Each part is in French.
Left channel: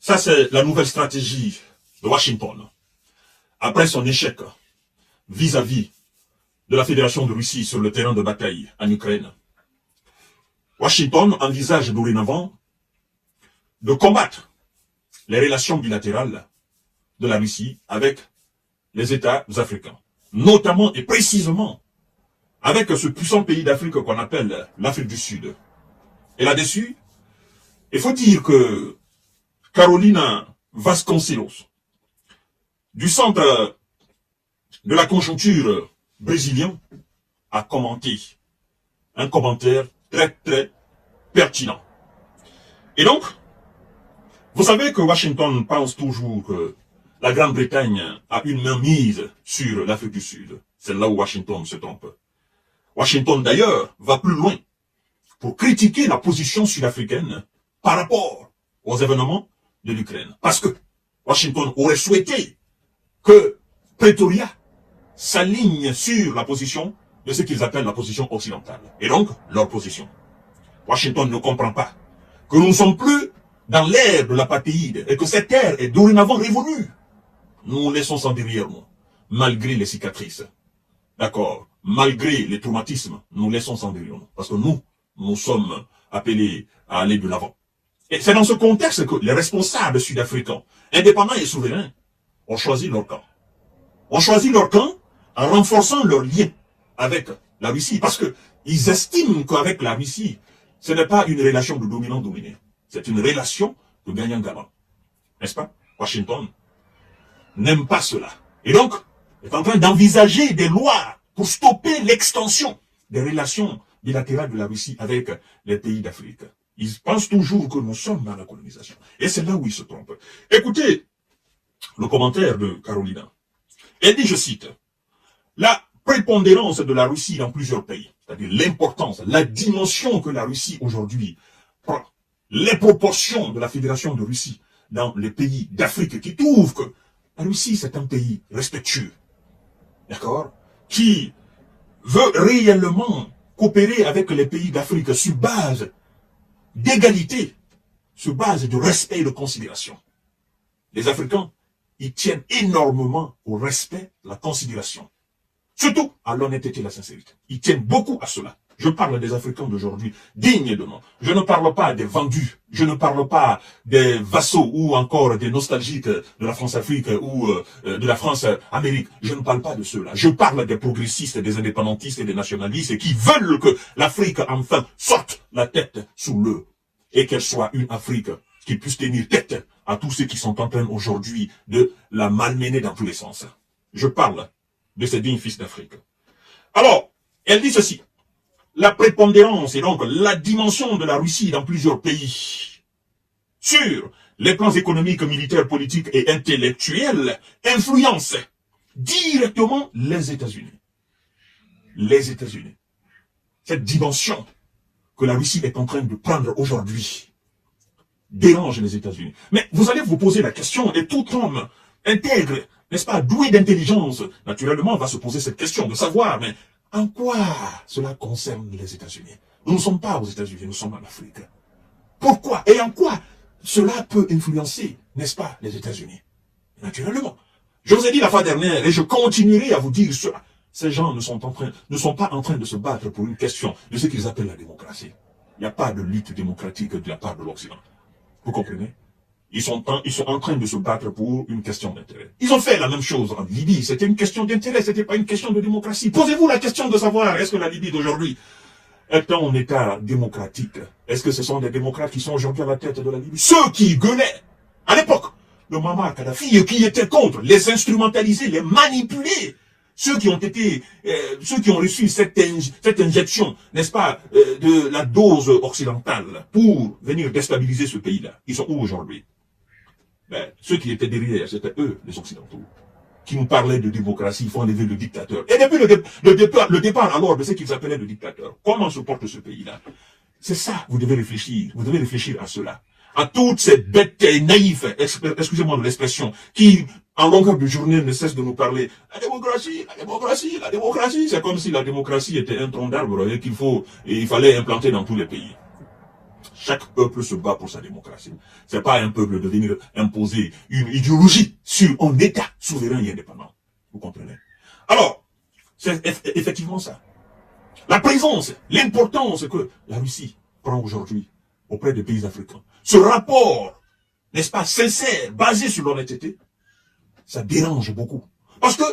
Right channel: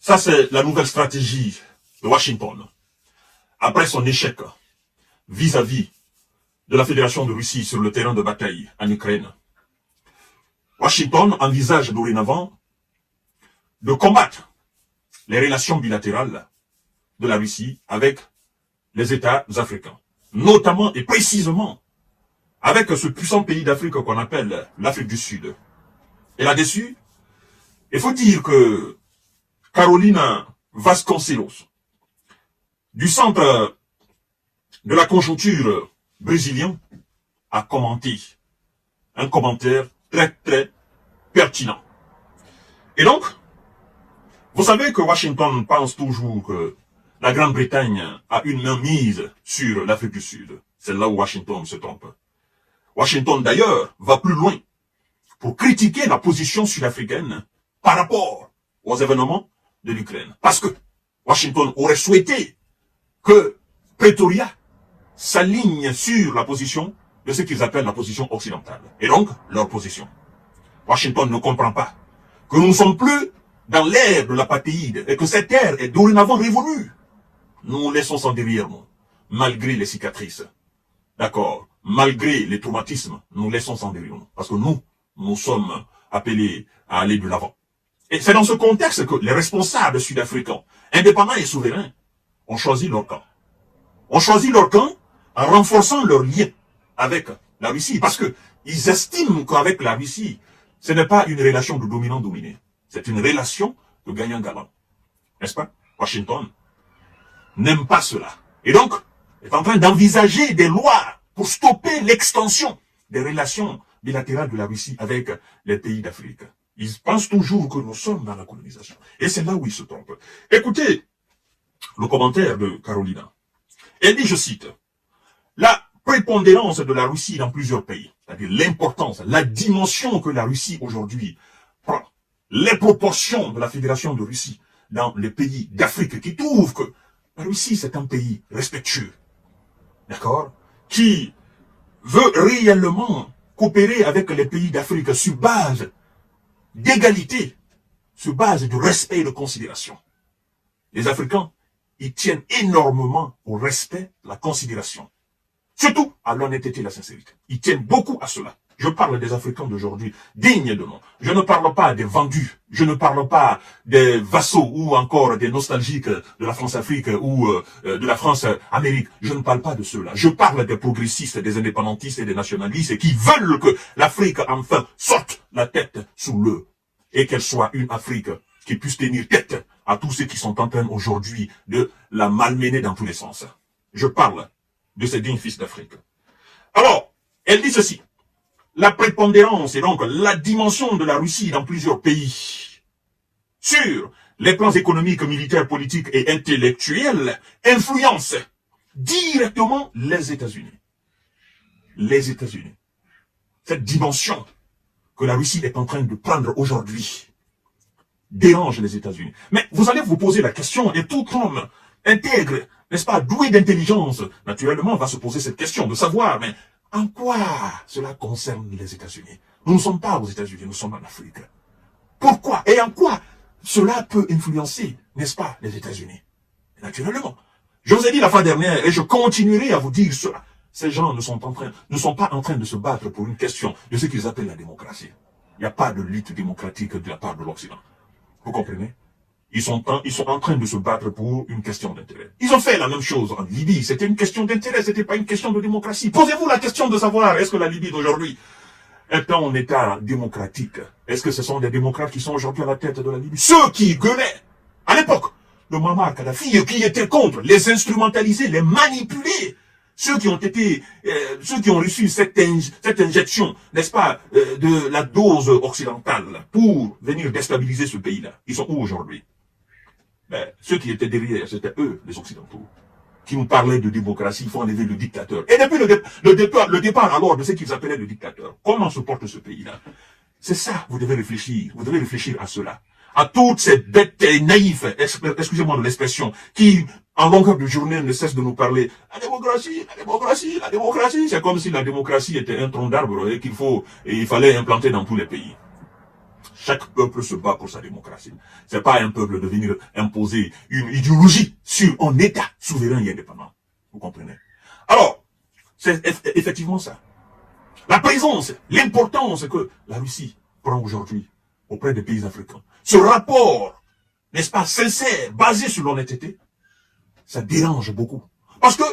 Ça, c'est la nouvelle stratégie de Washington. Après son échec vis-à-vis de la Fédération de Russie sur le terrain de bataille en Ukraine, Washington envisage dorénavant de combattre les relations bilatérales de la Russie avec les États africains, notamment et précisément avec ce puissant pays d'Afrique qu'on appelle l'Afrique du Sud. Et là-dessus, il faut dire que Carolina Vasconcelos, du centre de la conjoncture brésilien, a commenté un commentaire très très pertinent. Et donc, vous savez que Washington pense toujours que la Grande-Bretagne a une main mise sur l'Afrique du Sud. C'est là où Washington se trompe. Washington d'ailleurs va plus loin pour critiquer la position sud-africaine par rapport aux événements de l'Ukraine. Parce que Washington aurait souhaité que Pretoria s'aligne sur la position de ce qu'ils appellent la position occidentale. Et donc, leur position. Washington ne comprend pas que nous ne sommes plus dans l'ère de l'apathéide et que cette ère est dorénavant révolue. Nous nous laissons ça derrière nous, malgré les cicatrices. D'accord? Malgré les traumatismes, nous laissons ça derrière nous. Parce que nous sommes appelés à aller de l'avant. Et c'est dans ce contexte que les responsables sud-africains, indépendants et souverains, ont choisi leur camp. Ont choisi leur camp en renforçant leur lien avec la Russie. Parce qu'ils estiment qu'avec la Russie, ce n'est pas une relation de dominant-dominé. C'est une relation de gagnant-gagnant. N'est-ce pas? Washington n'aime pas cela. Et donc, est en train d'envisager des lois pour stopper l'extension des relations bilatérales de la Russie avec les pays d'Afrique. Ils pensent toujours que nous sommes dans la colonisation. Et c'est là où ils se trompent. Écoutez le commentaire de Carolina. Elle dit, je cite, « La prépondérance de la Russie dans plusieurs pays, c'est-à-dire l'importance, la dimension que la Russie aujourd'hui prend, les proportions de la Fédération de Russie dans les pays d'Afrique qui trouvent que la Russie, c'est un pays respectueux, d'accord, qui veut réellement coopérer avec les pays d'Afrique sur base d'égalité, sur base de respect et de considération. Les Africains, ils tiennent énormément au respect, la considération. Surtout à l'honnêteté et la sincérité. Ils tiennent beaucoup à cela. Je parle des Africains d'aujourd'hui, dignes de nom. Je ne parle pas des vendus. Je ne parle pas des vassaux ou encore des nostalgiques de la France-Afrique ou de la France-Amérique. Je ne parle pas de ceux-là. Je parle des progressistes, des indépendantistes et des nationalistes qui veulent que l'Afrique enfin sorte la tête sous l'eau et qu'elle soit une Afrique qui puisse tenir tête à tous ceux qui sont en train aujourd'hui de la malmener dans tous les sens. Je parle de ces dignes fils d'Afrique. Alors, elle dit ceci. La prépondérance et donc la dimension de la Russie dans plusieurs pays sur les plans économiques, militaires, politiques et intellectuels influence directement les États-Unis. Les États-Unis. Cette dimension que la Russie est en train de prendre aujourd'hui dérange les États-Unis. Mais vous allez vous poser la question, et tout homme intègre, n'est-ce pas, doué d'intelligence, naturellement va se poser cette question de savoir, mais en quoi cela concerne les États-Unis? Nous ne sommes pas aux États-Unis, nous sommes en Afrique. Pourquoi et en quoi cela peut influencer, n'est-ce pas, les États-Unis? Naturellement. Je vous ai dit la fois dernière, et je continuerai à vous dire cela. Ces gens ne sont pas en train de se battre pour une question de ce qu'ils appellent la démocratie. Il n'y a pas de lutte démocratique de la part de l'Occident. Vous comprenez? Ils sont en train de se battre pour une question d'intérêt. Ils ont fait la même chose en Libye. C'était une question d'intérêt, c'était pas une question de démocratie. Posez-vous la question de savoir, est-ce que la Libye d'aujourd'hui est un État démocratique? Est-ce que ce sont des démocrates qui sont aujourd'hui à la tête de la Libye? Ceux qui gueulaient, à l'époque, de Muammar Kadhafi, qui étaient contre, les instrumentaliser, les manipuler. Ceux qui ont reçu cette injection, n'est-ce pas, de la dose occidentale pour venir déstabiliser ce pays-là, ils sont où aujourd'hui? Ceux qui étaient derrière, c'était eux, les Occidentaux, qui nous parlaient de démocratie, il faut enlever le dictateur. Et depuis le départ alors de ce qu'ils appelaient le dictateur, comment se porte ce pays-là? C'est ça, vous devez réfléchir à cela. À toutes ces bêtes naïfs, excusez-moi de l'expression, qui, en longueur de journée, ne cessent de nous parler. La démocratie, la démocratie, la démocratie. C'est comme si la démocratie était un tronc d'arbre et il fallait implanter dans tous les pays. Chaque peuple se bat pour sa démocratie. C'est pas un peuple de venir imposer une idéologie sur un État souverain et indépendant. Vous comprenez? Alors, c'est effectivement ça. La présence, l'importance que la Russie prend aujourd'hui auprès des pays africains. Ce rapport, n'est-ce pas, sincère, basé sur l'honnêteté, ça dérange beaucoup. Parce que,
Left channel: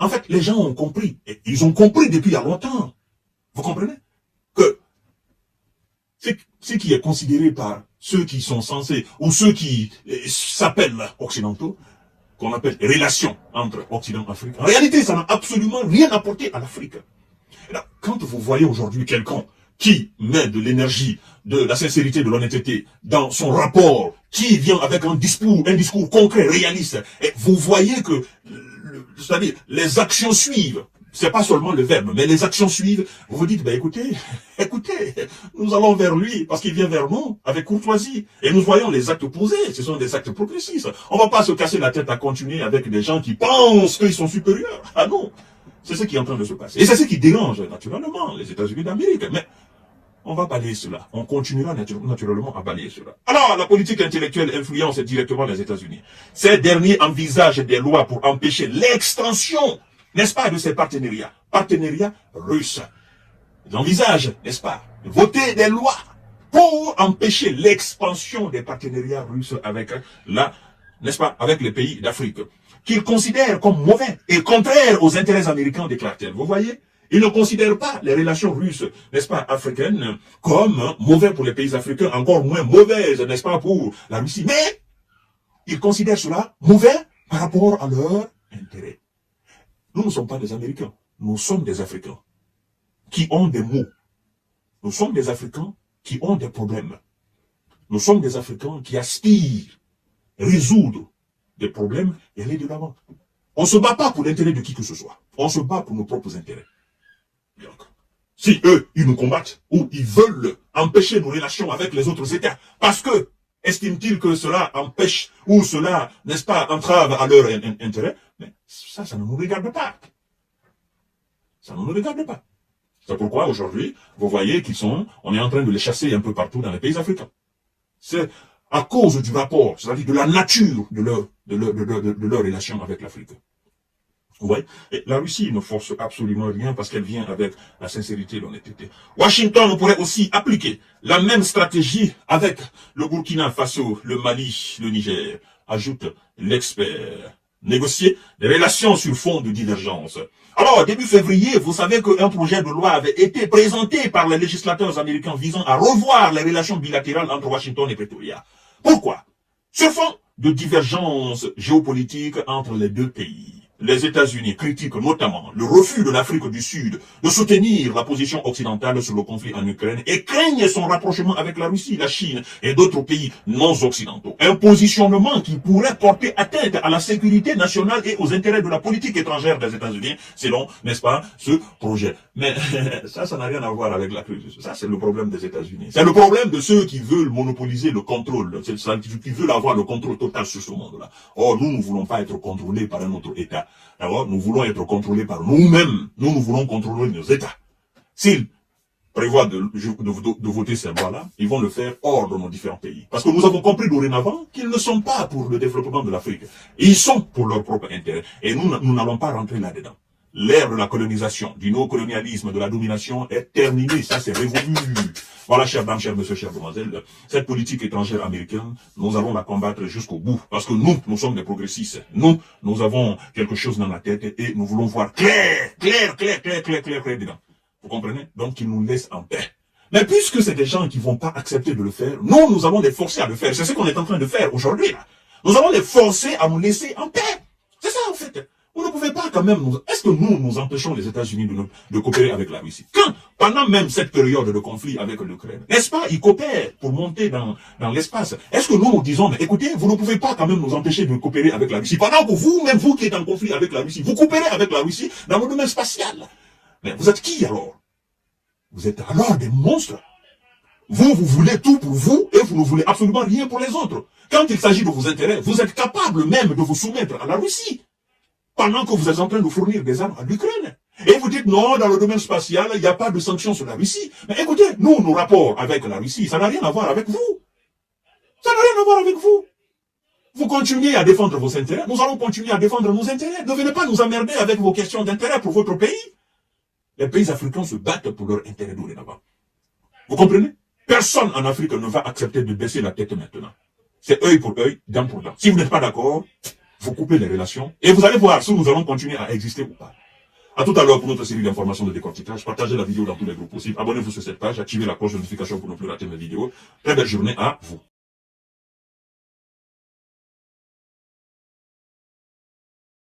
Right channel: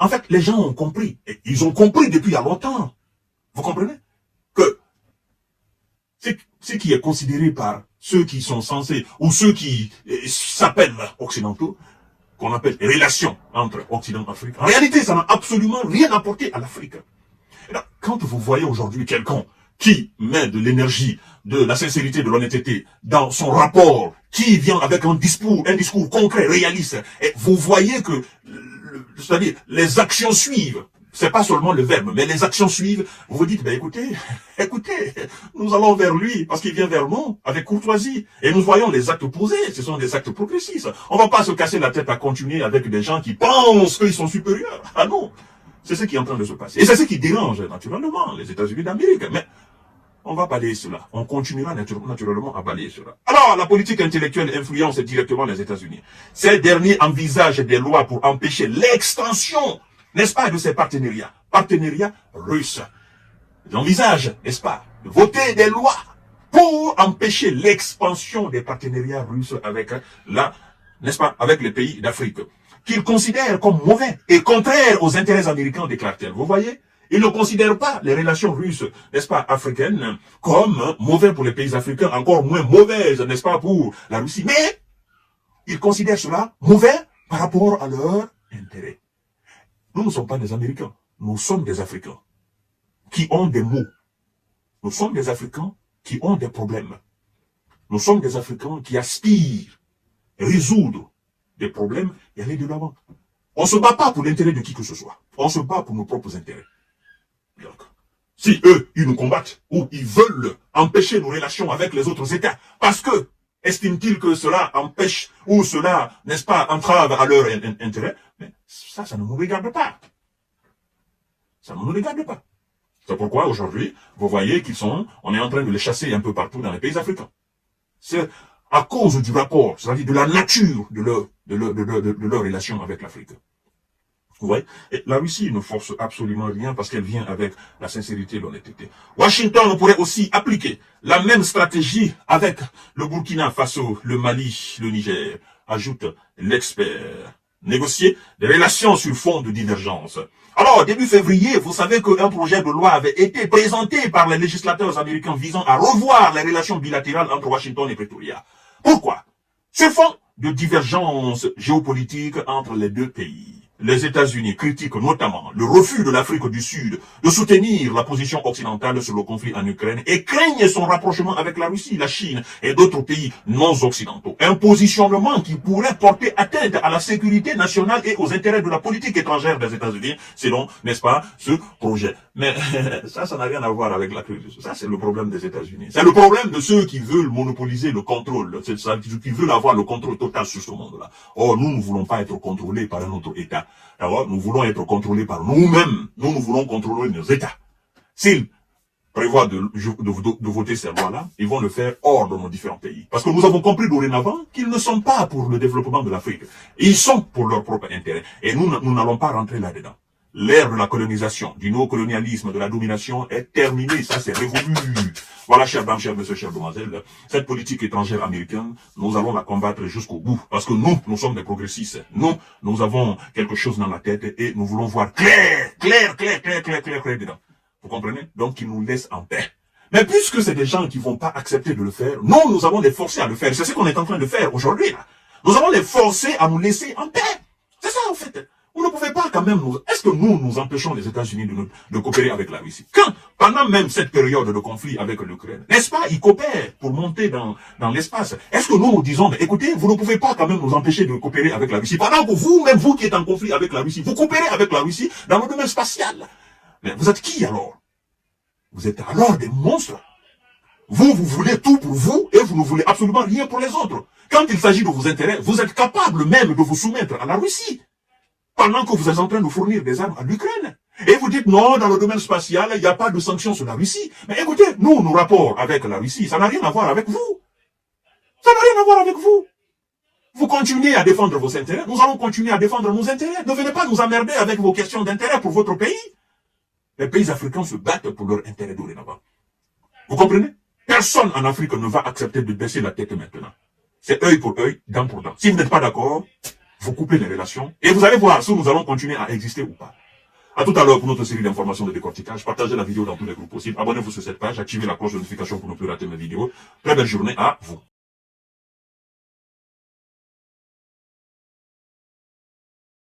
en fait, les gens ont compris. Et ils ont compris depuis il y a longtemps. Vous comprenez? Que ce qui est considéré par ceux qui sont censés, ou ceux qui s'appellent occidentaux, qu'on appelle relations entre Occident et Afrique, en réalité, ça n'a absolument rien apporté à l'Afrique. Quand vous voyez aujourd'hui quelqu'un qui met de l'énergie, de la sincérité, de l'honnêteté dans son rapport, qui vient avec un discours concret, réaliste, et vous voyez que, c'est-à-dire, les actions suivent. C'est pas seulement le verbe, mais les actions suivent. Vous vous dites, ben écoutez, nous allons vers lui, parce qu'il vient vers nous, avec courtoisie. Et nous voyons les actes posés, ce sont des actes progressistes. On va pas se casser la tête à continuer avec des gens qui pensent qu'ils sont supérieurs. Ah non! C'est ce qui est en train de se passer. Et c'est ce qui dérange naturellement les États-Unis d'Amérique. Mais on va balayer cela. On continuera naturellement à balayer cela. Alors, la politique intellectuelle influence directement les États-Unis. Ces derniers envisagent des lois pour empêcher l'extension, n'est-ce pas, de ces partenariats. Partenariats russes. Ils envisagent, n'est-ce pas, de voter des lois pour empêcher l'expansion des partenariats russes avec n'est-ce pas, avec les pays d'Afrique, qu'ils considèrent comme mauvais et contraires aux intérêts américains, déclare-t-elle. Vous voyez? Ils ne considèrent pas les relations russes, n'est-ce pas, africaines, comme mauvais pour les pays africains, encore moins mauvaises, n'est-ce pas, pour la Russie. Mais ils considèrent cela mauvais par rapport à leurs intérêts. Nous ne sommes pas des Américains, nous sommes des Africains qui ont des maux. Nous sommes des Africains qui ont des problèmes. Nous sommes des Africains qui aspirent à résoudre des problèmes et aller de l'avant. On ne se bat pas pour l'intérêt de qui que ce soit. On se bat pour nos propres intérêts. Donc, si eux, ils nous combattent, ou ils veulent empêcher nos relations avec les autres États, parce que, estiment-ils que cela empêche, ou cela, n'est-ce pas, entrave à leur intérêt, mais ça ne nous regarde pas. Ça ne nous regarde pas. C'est pourquoi, aujourd'hui, vous voyez on est en train de les chasser un peu partout dans les pays africains. C'est à cause du rapport, c'est-à-dire de la nature de leur relation avec l'Afrique. Ouais. Et la Russie ne force absolument rien parce qu'elle vient avec la sincérité et l'honnêteté. Washington pourrait aussi appliquer la même stratégie avec le Burkina Faso, le Mali, le Niger, ajoute l'expert. Négocier des relations sur fond de divergence. Alors, début février, vous savez qu'un projet de loi avait été présenté par les législateurs américains visant à revoir les relations bilatérales entre Washington et Pretoria. Pourquoi? Sur fond de divergence géopolitique entre les deux pays. Les États-Unis critiquent notamment le refus de l'Afrique du Sud de soutenir la position occidentale sur le conflit en Ukraine et craignent son rapprochement avec la Russie, la Chine et d'autres pays non occidentaux. Un positionnement qui pourrait porter atteinte à la sécurité nationale et aux intérêts de la politique étrangère des États-Unis, selon, n'est-ce pas, ce projet. Mais ça n'a rien à voir avec la crise. Ça, c'est le problème des États-Unis. C'est le problème de ceux qui veulent monopoliser le contrôle, qui veulent avoir le contrôle total sur ce monde-là. Or, nous ne voulons pas être contrôlés par un autre État. Alors, nous voulons être contrôlés par nous-mêmes. Nous voulons contrôler nos États. S'ils prévoient de voter ces lois-là, ils vont le faire hors de nos différents pays. Parce que nous avons compris dorénavant qu'ils ne sont pas pour le développement de l'Afrique. Ils sont pour leur propre intérêt. Et nous n'allons pas rentrer là-dedans. L'ère de la colonisation, du néocolonialisme, de la domination est terminée. Ça, c'est révolu. Voilà, chers dames, chers messieurs, chères demoiselles, cette politique étrangère américaine, nous allons la combattre jusqu'au bout. Parce que nous sommes des progressistes. Nous avons quelque chose dans la tête et nous voulons voir clair dedans. Vous comprenez? Donc, qu'ils nous laissent en paix. Mais puisque c'est des gens qui vont pas accepter de le faire, nous allons les forcer à le faire. C'est ce qu'on est en train de faire aujourd'hui, là. Nous allons les forcer à nous laisser en paix. C'est ça, en fait. Vous ne pouvez pas quand même Est-ce que nous empêchons les États-Unis de coopérer avec la Russie? Quand, pendant même cette période de conflit avec l'Ukraine, n'est-ce pas, ils coopèrent pour monter dans l'espace. Est-ce que nous disons, mais écoutez, vous ne pouvez pas quand même nous empêcher de coopérer avec la Russie? Pendant que vous-même, vous qui êtes en conflit avec la Russie, vous coopérez avec la Russie dans le domaine spatial. Mais vous êtes qui alors? Vous êtes alors des monstres. Vous voulez tout pour vous et vous ne voulez absolument rien pour les autres. Quand il s'agit de vos intérêts, vous êtes capable même de vous soumettre à la Russie. Pendant que vous êtes en train de fournir des armes à l'Ukraine. Et vous dites non, dans le domaine spatial, il n'y a pas de sanctions sur la Russie. Mais écoutez, nous, nos rapports avec la Russie, ça n'a rien à voir avec vous. Ça n'a rien à voir avec vous. Vous continuez à défendre vos intérêts, nous allons continuer à défendre nos intérêts. Ne venez pas nous emmerder avec vos questions d'intérêt pour votre pays. Les pays africains se battent pour leur intérêt dorénavant. Vous comprenez? Personne en Afrique ne va accepter de baisser la tête maintenant. C'est œil pour œil, dent pour dent. Si vous n'êtes pas d'accord, vous coupez les relations et vous allez voir si nous allons continuer à exister ou pas. À tout à l'heure pour notre série d'informations de décortiquage. Partagez la vidéo dans tous les groupes possibles. Abonnez-vous sur cette page, activez la cloche de notification pour ne plus rater mes vidéos. Très belle journée à vous.